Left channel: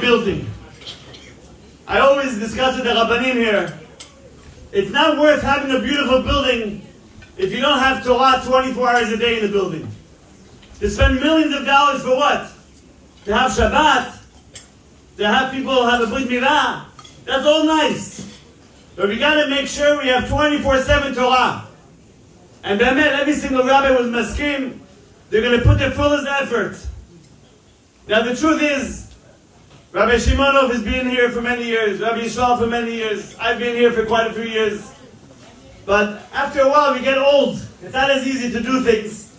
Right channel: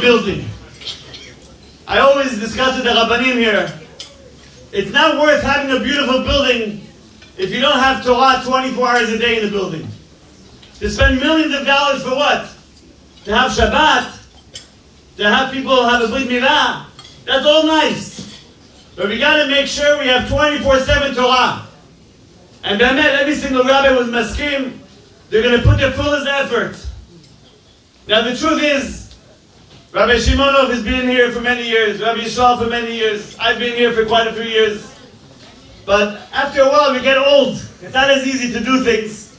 building. I always discuss with the Rabbanim here. It's not worth having a beautiful building if you don't have Torah 24 hours a day in the building. To spend millions of dollars for what? To have Shabbat? To have people have a Brit Milah? That's all nice. But we got to make sure we have 24/7 Torah. And every single rabbi was maskim. They're going to put their fullest effort. Now the truth is, Rabbi Shimonov has been here for many years, Rabbi Yisrael for many years, I've been here for quite a few years. But after a while we get old. It's not as easy to do things.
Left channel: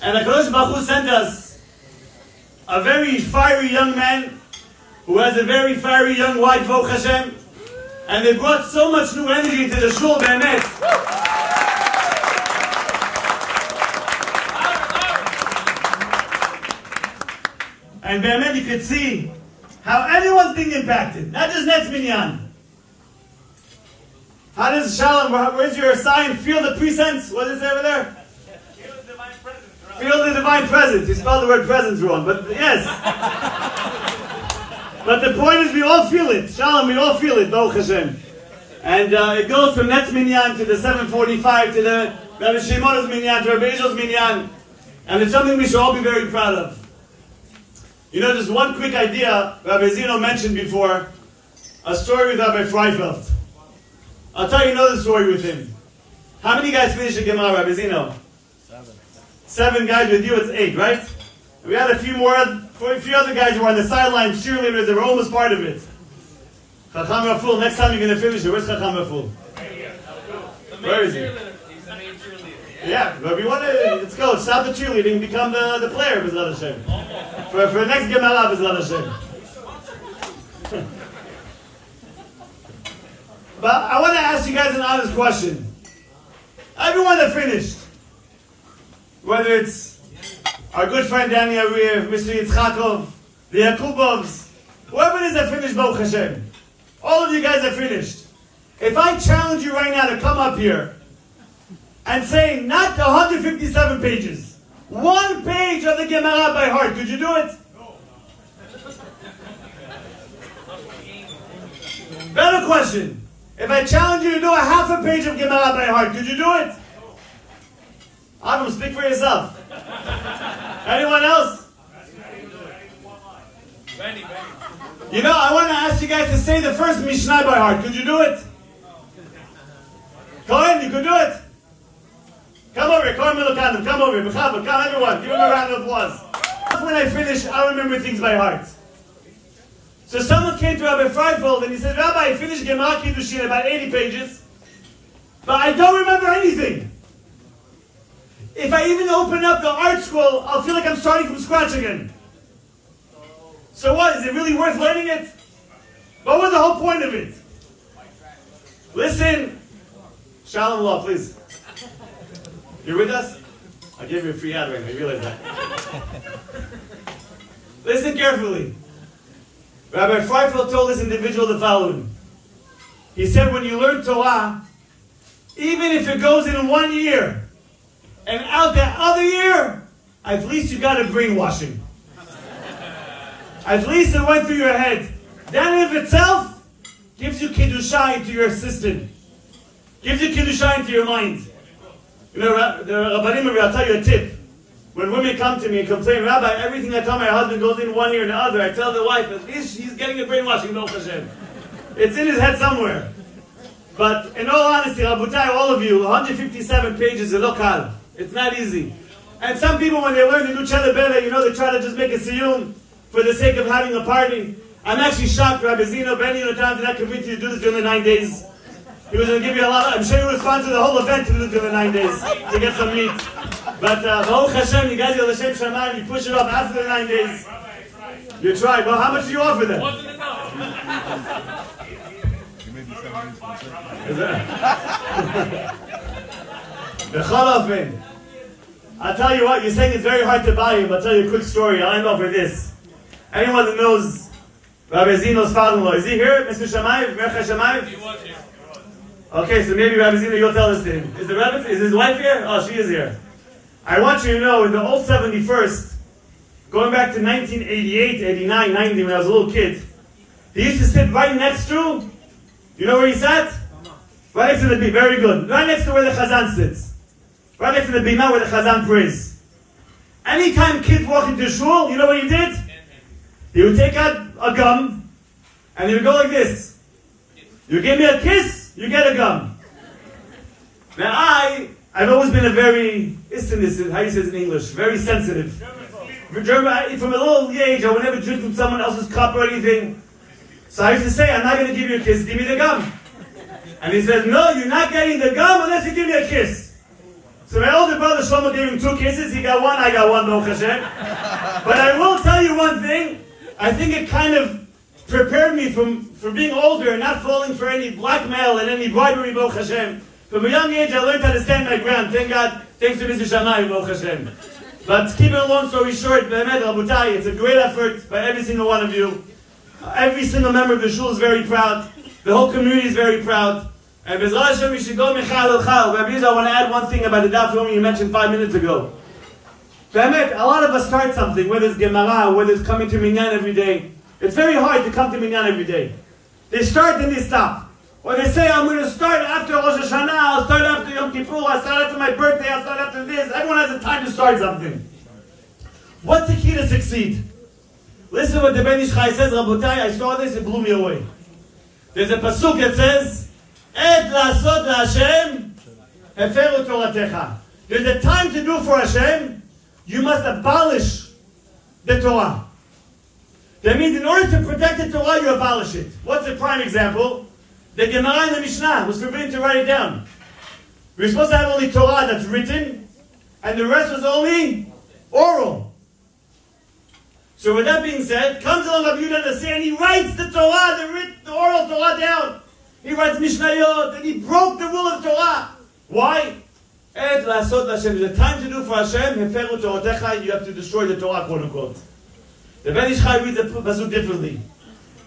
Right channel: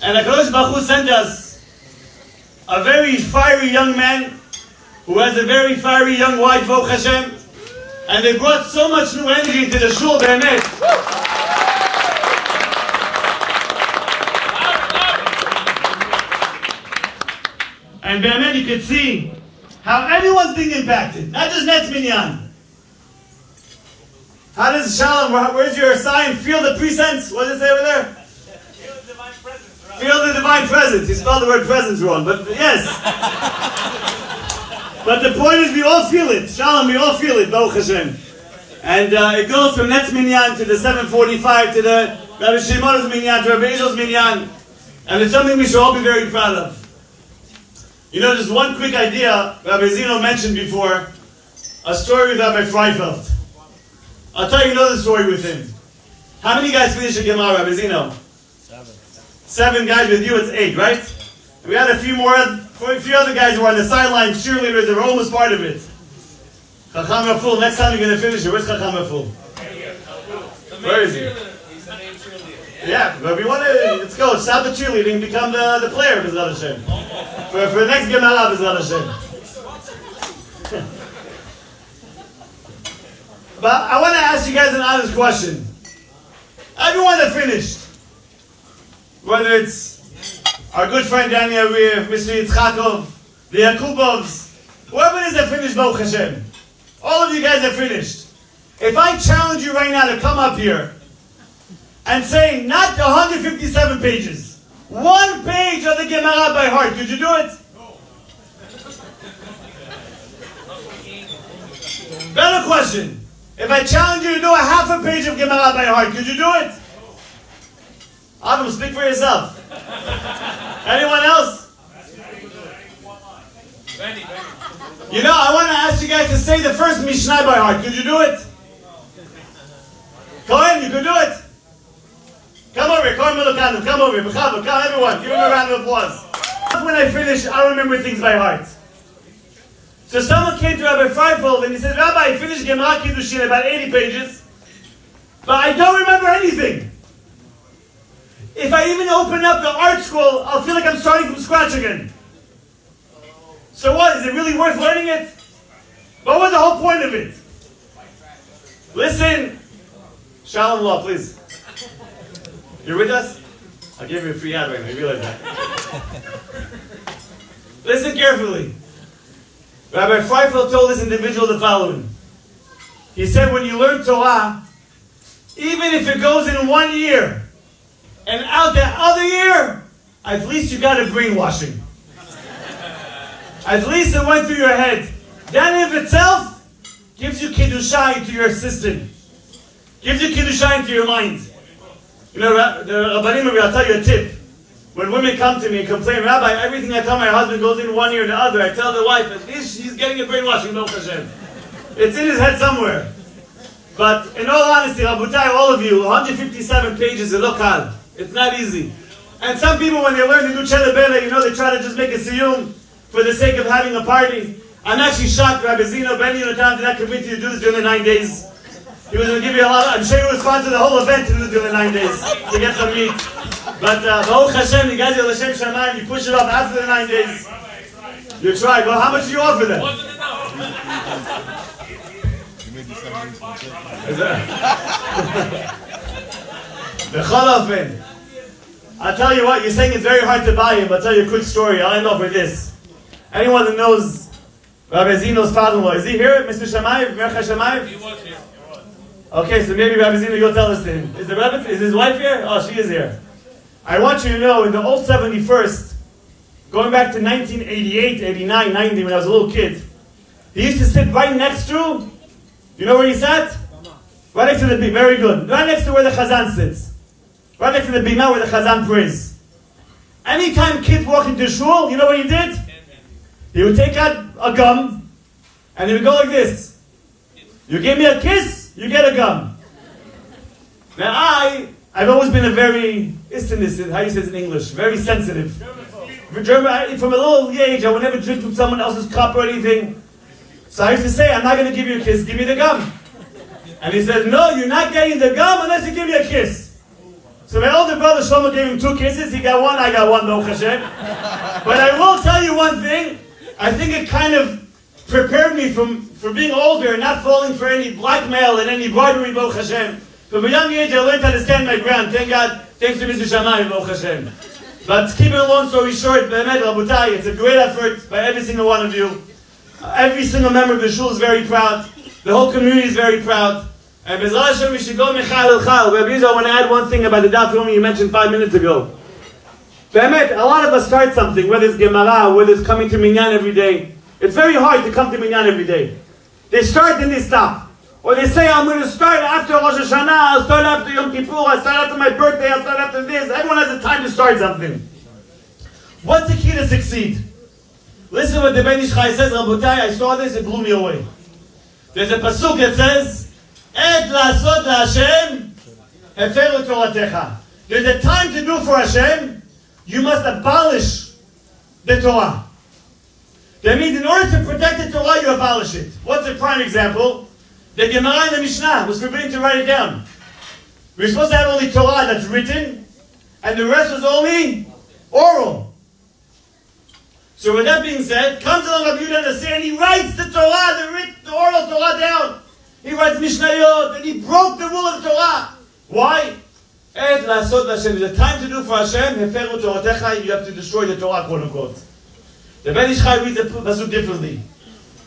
And HaKadosh Baruch Hu sent us a very fiery young man who has a very fiery young wife, Baruch Hashem. And they brought so much new energy into the shul, Be'emet. And Be'emet, you can see how everyone's being impacted, not just NETZ Minyan. How does Shalom, where's your sign? Feel the presence? What does it say over there? Feel the divine presence. Right? Feel the divine presence. He spelled the word presence wrong, but yes. But the point is we all feel it. Shalom, we all feel it, Baruch Hashem. And it goes from NETZ Minyan to the 745 to the Rabbi Shimon's Minyan to Rabbi Ishal's Minyan. And it's something we should all be very proud of. You know, just one quick idea, Rabbi Zeno mentioned before, a story with Rabbi Freifeld. I'll tell you another story with him. How many guys finished a Gemara, Rabbi Zeno? 7 guys. With you, it's 8, right? And we had a few other guys who were on the sidelines, cheerleaders, they were almost part of it. Chacham Raful, next time you're going to finish it. Where's Chacham Raful? Where is he? He's the main cheerleader. Yeah, but we want to, let's go, stop the cheerleading, become the player, B'ezrat Hashem. For the next Gemara, B'ezrat Hashem. But I want to ask you guys an honest question. Everyone that finished, whether it's our good friend Danny Ariyev, Mr. Yitzchakov, the Yakubovs, whoever it is that finished, Baruch Hashem, all of you guys that finished, if I challenge you right now to come up here and say not 157 pages, 1 page of the Gemara by heart, could you do it? No. Better question. If I challenge you to do a half a page of Gemara by heart, could you do it? Adam, speak for yourself. Anyone else? You know, I want to ask you guys to say the first Mishnah by heart. Could you do it? Cohen, you could do it? Come over here, Cohen Melukanu, come over here. B'chavod, come everyone, give him a round of applause. When I finish, I remember things by heart. So someone came to Rabbi Freifeld and he said, Rabbi, I finished Gemara Kiddushin about 80 pages, but I don't remember anything. If I even open up the art scroll, I'll feel like I'm starting from scratch again. So what, is it really worth learning it? What was the whole point of it? Listen, Shalom Law, please. You're with us? I'll give you a free ad right now, you realize that. Listen carefully. Rabbi Freifeld told this individual the following. He said, when you learn Torah, even if it goes in 1 year, and out the other year, at least you got a brainwashing. At least it went through your head. That in of itself gives you Kiddusha into your system. Gives you Kiddusha into your mind. You know, the Rabbanim, I'll tell you a tip. When women come to me and complain, Rabbi, everything I tell my husband goes in 1 ear and the other, I tell the wife, at least he's getting a brainwashing, Baruch Hashem. It's in his head somewhere. But in all honesty, Rabotai, all of you, 157 pages is lokal. It's not easy. And some people, when they learn the new Chelebele, you know, they try to just make a SIYUM for the sake of having a party. I'm actually shocked, Rabbi Zeno, Benny Yonatam did not commit you to do this during the 9 days. He was going to give you a lot of, I'm sure he would sponsor the whole event to do this during the 9 days, to get some meat. But Baruch Hashem, you guys, L'Shem Shamayim, you push it off after the 9 days. You try. Well, how much do you offer them? Is that? I'll tell you what, you're saying it's very hard to buy him. I'll tell you a quick story. I'll end off with this. Anyone that knows Rabbi Zeno's father-in-law, is he here, Mr. Shamayim? He was here. Okay, so maybe Rabbi Zeno, go tell us to him. Is his wife here? Oh, she is here. I want you to know, in the old 71st, going back to 1988, 89, 90, when I was a little kid. He used to sit right next to, you know where he sat? Right next to the bima, very good. Right next to where the Chazan sits. Right next to the bima where the Chazan prays. Anytime kids walk into shul, you know what he did? He would take out a gum, and he would go like this. You give me a kiss, you get a gum. Now I've always been a very, how you say it in English, very sensitive. From a little age, I would never drink from someone else's cup or anything. So I used to say, I'm not going to give you a kiss, give me the gum. And he said, no, you're not getting the gum unless you give me a kiss. So my older brother Shlomo gave him 2 kisses, he got 1, I got 1, Baruch Hashem. But I will tell you one thing, I think it kind of prepared me for being older and not falling for any blackmail and any bribery, Baruch Hashem. From a young age, I learned how to stand my ground. Thank God, thanks to Mr. Shammai, Baruch Hashem. But keeping a long story short, Be'emet, Rabotai, it's a great effort by every single one of you. Every single member of the shul is very proud. The whole community is very proud. And B'ezras Hashem, we should go Mechal El Chal. Rabbi Yizar, I want to add one thing about the Daf Yomi you mentioned 5 minutes ago. Be'emet, a lot of us start something, whether it's Gemara, whether it's coming to Minyan every day. It's very hard to come to Minyan every day. They start and they stop. Or they say, I'm going to start after Rosh Hashanah, I'll start after Yom Kippur, I'll start after my birthday, I'll start after this. Everyone has the time to start something. What's the key to succeed? Listen to what the Ben Ish Chai says, Rabotai, I saw this, it blew me away. There's a pasuk that says, Et la'asot la'Hashem, heferu toratecha. There's a time to do for Hashem, you must abolish the Torah. That means in order to protect the Torah, you abolish it. What's a prime example? The Gemara and the Mishnah was forbidden to write it down. We were supposed to have only Torah that's written, and the rest was only oral. So with that being said, comes along Rabbi Yehuda Nasi and he writes the Torah, the oral Torah down. He writes Mishnayot, and he broke the rule of the Torah. Why? Et la'asot Hashem. There's a time to do for Hashem, heferu toratecha, you have to destroy the Torah, quote unquote. The Ben Ish Chai reads the pasuk differently.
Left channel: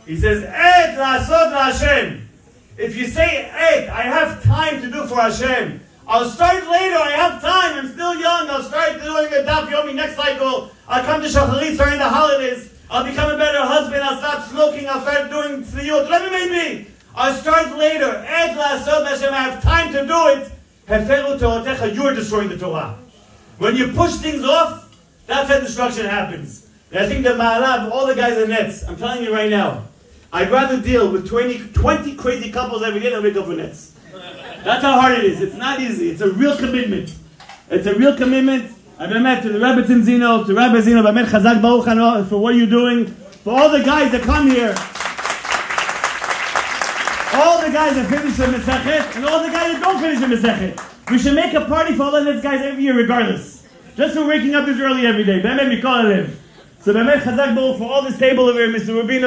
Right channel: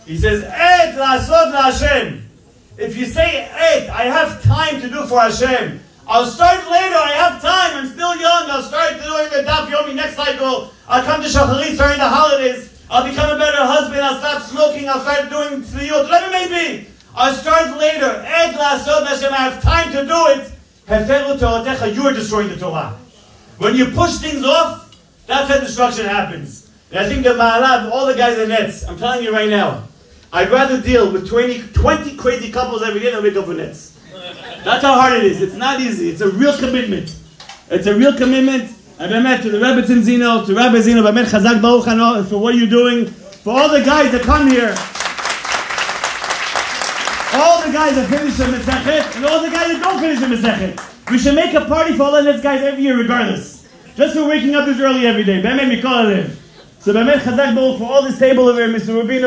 He says, Et la'asot Hashem. If you say, hey, I have time to do for Hashem, I'll start later, I have time, I'm still young, I'll start doing the Daf Yomi next cycle, I'll come to Shacharit during the holidays, I'll become a better husband, I'll stop smoking, I'll start doing SIYUM, whatever it may be. I'll start later. Et la'asot Hashem, I have time to do it. Heferu toratecha, you are destroying the Torah. When you push things off, that's how destruction happens. And I think the Ma'alav, all the guys in NETZ, I'm telling you right now, I'd rather deal with 20 crazy couples every day than we go for NETZ. That's how hard it is. It's not easy. It's a real commitment. It's a real commitment. And Be'emet, to the Rebbetzin Zino, to Rabbi Zino, Be'emet Chazak Baruch Hano, for what you're doing, for all the guys that come here, all the guys that finish the Mesechet, and all the guys that don't finish the Mesechet. We should make a party for all the NETZ guys every year regardless. Just for waking up this early every day. Be'emet Mikol Alev. So Be'emet Chazak Baruch for all this table over here, Mr. Rubino.